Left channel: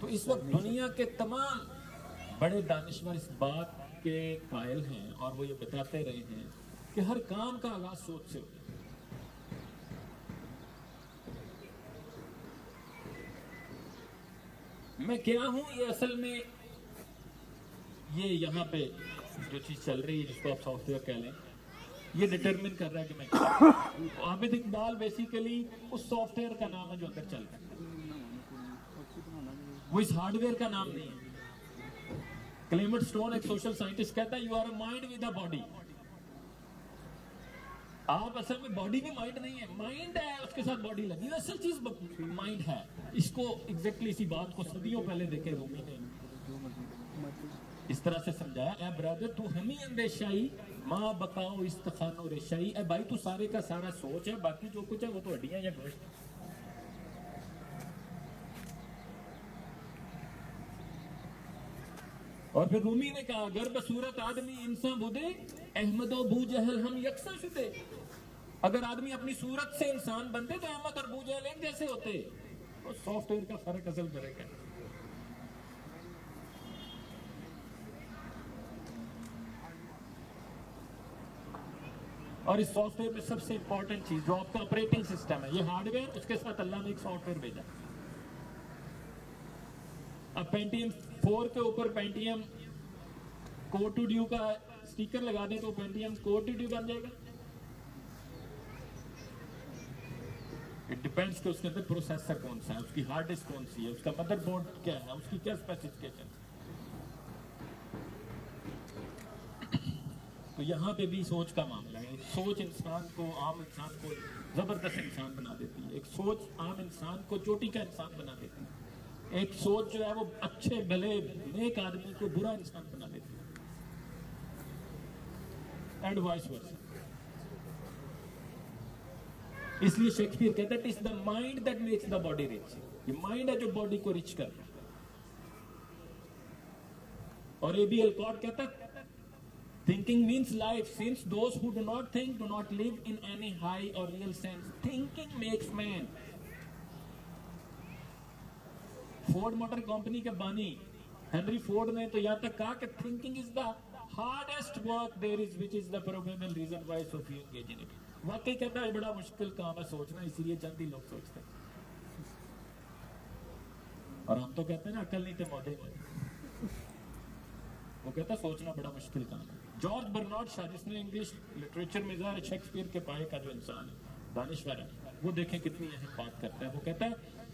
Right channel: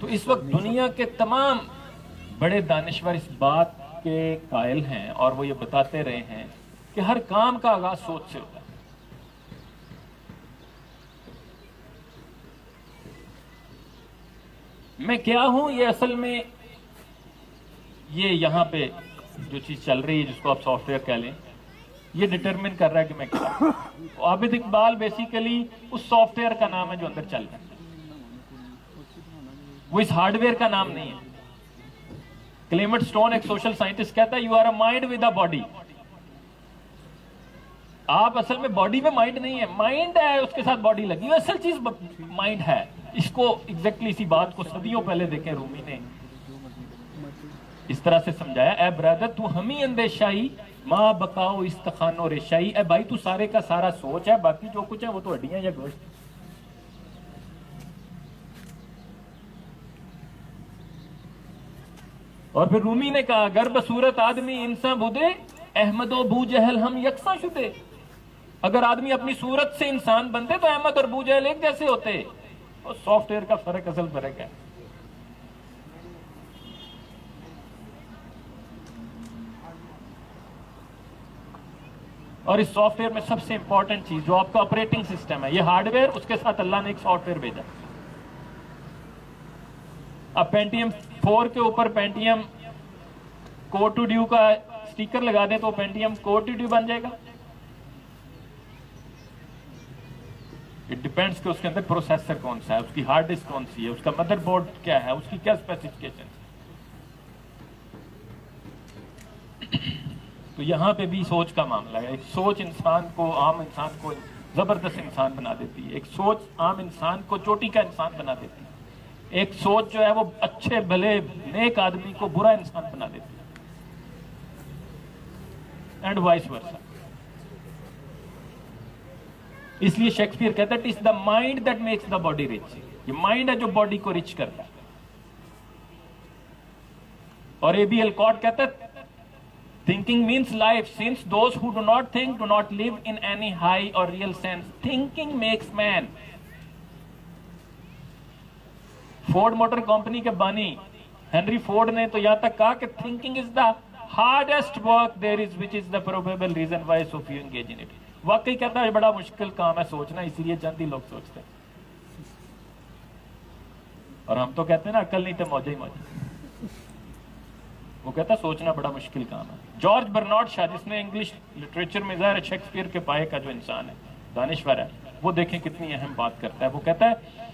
تو اس وقت دنیا کے تمام بڑے دانشور اس بات کے قائل ہیں اور وہ یہ بتاتے رہے ہیں کہ ہر کام کا آغاز سوچ سے ہوتا ہے. میں کیا ہوں یہ اصل میں یہ یہاں پہ جو چیز چل رہی ہے جس کو آپ سافٹ ویئر کہہ لیں یہ ڈٹرمن کر رہا ہے کہ میں کیا ہوں. عابد اقبال بیسیکلی اس سافٹ ویئر کا نام ہے جو اندر چل رہا ہے, وہ اس ہارڈ ویئر کا نام نہیں ہے. کلیمٹ سٹون ایک سوشل سائنٹسٹ کہتا ہے you are a mind with a body. آپ اصل میں باڈی میں مائنڈ نہیں ہے, مائنڈ ہے اس کے ساتھ باڈی لگی ہوئی, اصل چیز مائنڈ ہے. اس کو ایگزیکٹلی اسی بات کو صدیوں پہلے دیکھیں رومی نے اس طرح سے سمجھایا, اے برادر تو ہمیں اندیشائی ماں بقاؤ استخانو ریشائی. اے بھائی تو سارے کا سارا سوچ ہے, باقی جو کچھ ہے وہ تو ہڈیاں یا گوشت. اور پھر رومی نے کہا گر بصورت آدمی انسان بدے احمد و بو جہل ہم یکساں شدے. اگر آدمی اپنی صورت سے انسان بنتے تو احمد اور بو جہل ایک جیسے ہوتے. اور سافٹ ویئر کا فرق اصل فرق ہے. اور اس سافٹ ویئر میں سب سے امپورٹنٹ چیز جو آپ کا آپریٹنگ سسٹم ہے, یہ ہارڈ ویئر, اس کے ساتھ اللہ نے ایک سافٹ ویئر بھیجا. اب پینٹیم 4 کے اوپر پینٹیم کوڈ ٹو ڈیو کا سٹیکر لگا دیں تو پینٹیم کوڈ ٹو ڈیو بن جائے گا. اٹ ڈیپینڈس کہ اس کے اندر پروسیسر کون سا ہے, اس کی ہارڈ ڈسک کون سی ہے, اس کا مدر بورڈ کیا ہے, اس کی کیا اسپیسیفکیشن. تو یہاں پہ بھی سوچ کا معاملہ ہے. ایک سوچ انسان کو, عام انسان کو زبردست انسان بنا دیتی ہے. ایک سوچ عام انسان کو چوٹی کا انسان بنا دیتی ہے. ایک سوچ جو ہے وہ اچھے بھلے نیک آدمی کو برا انسان بنا دیتی ہے, اینڈ وائس ورسا. اس لیے شیکسپیئر کہتا ہے it is the mind that makes the body rich. یہ مائنڈ ہے جو باڈی کو رچ کرتا ہے. اور اے بی الکاٹ کہتا ہے thinking means life, since those who do not think do not live in any high or real sense. Thinking makes man. Ford motor company کے بانی ہنری فورڈ نے تو یہاں تک کہا کہ thinking is the hardest work there is, which is the probable reason why so few engage in it. واقعی کہتا ہے بڑا مشکل کام ہے سوچنا, اسی لیے چند ہی لوگ سوچتے ہیں. اور ہم تو کہتے ہیں نا عقل نہیں تو موجہ ہی موجہ. وہ کہتا ہے سوچنا بڑا مشکل کام ہے. جارج برنارڈ شاہ جس نے انگلش لٹریچر میں ظاہر شیکسپیئر کے پائے کا جو انسان ہے, دانشور ہے, وہ دیکھیں کتنی اہم بات کرتا ہے. وہ کہتا ہے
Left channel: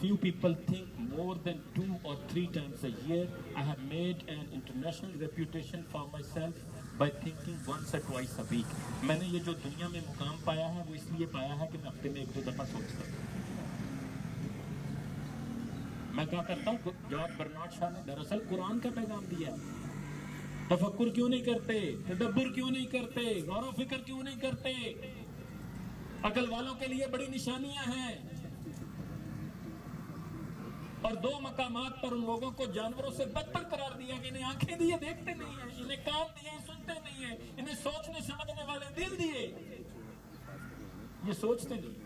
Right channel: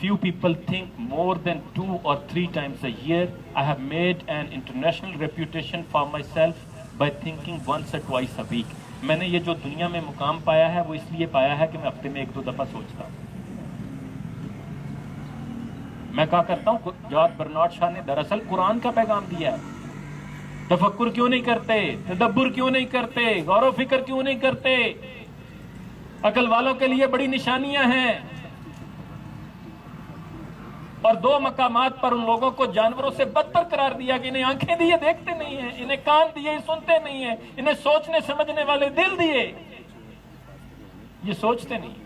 few people think more than 2 or 3 times a year. I have made an international reputation for myself by thinking once or twice a week. میں نے یہ جو دنیا میں مقام پایا ہے وہ اس لیے پایا ہے کہ میں ہفتے میں 1-2 دفعہ سوچتا ہوں. میں کہا کرتا ہوں جارج برنارڈ شاہ نے دراصل قرآن کا پیغام دیا ہے. تفکر کیوں نہیں کرتے, تدبر کیوں نہیں کرتے, غور و فکر کیوں نہیں کرتے. عقل والوں کے لیے بڑی نشانیاں ہیں. اور 2 مقامات پر ان لوگوں کو جانوروں سے بدتر قرار دیا کہ انہیں آنکھیں دیے دیکھتے نہیں ہیں, انہیں کان دیے سنتے نہیں ہیں, انہیں سوچنے سمجھنے والے دل دیے یہ سوچتے نہیں.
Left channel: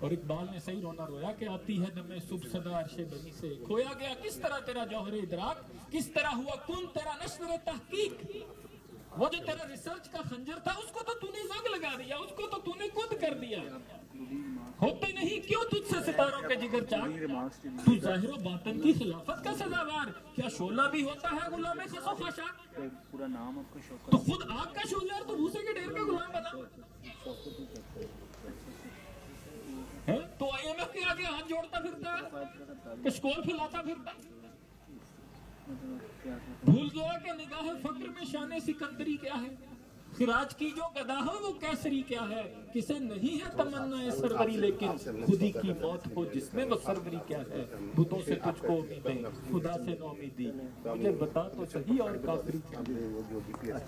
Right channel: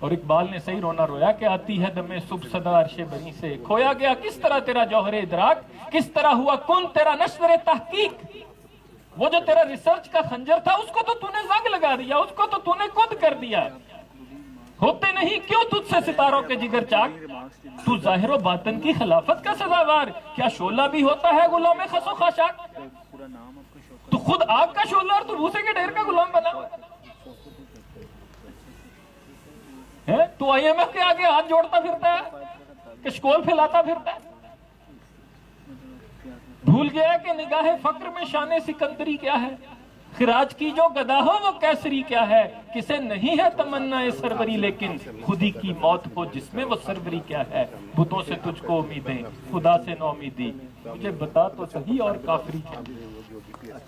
اور اقبال نے صحیح رونا رویا کہ آتی ہے دمے صبح صدا عرش بنی سے, کھویا گیا کس طرح تیرا جوہر ادراک, کس طرح ہوا کن تیرا نشر تحقیق. وہ جو تیرا ریسرچ کا خنجر تھا اس کو تو نے زنگ لگا دیا, اس کو تو نے خود کر دیا. ہوتے نہیں کیوں تجھ سے ستاروں کے جگر چاک, تو ظاہر و باطن کی خلافت کا سزاوار. کیا شعلہ بھی ہوتا ہے غلام خس و خاشاک, تو خود آگ کا شعلہ اور تو بھوسے کے ڈھیر کا غلام بنا. تو آئی ایم ایف کے آگے ہاتھ جوڑتا پھرتا ہے, کشکول پھیلاتا پھرتا ہے. بھول گیا کہ نگاہ فقر میں شان سکندری کیا ہے, خراج کی جو گدا ہو وہ کیسری کیا ہے. کسے نہیں ہے تمنا سروری لیکن خودی کی موت ہو جس میں وہ سروری کیا ہے. بتوں سے تجھ کو امیدیں خدا سے نو امیدی, مجھے بتا تو صحیح اور کافری کیا.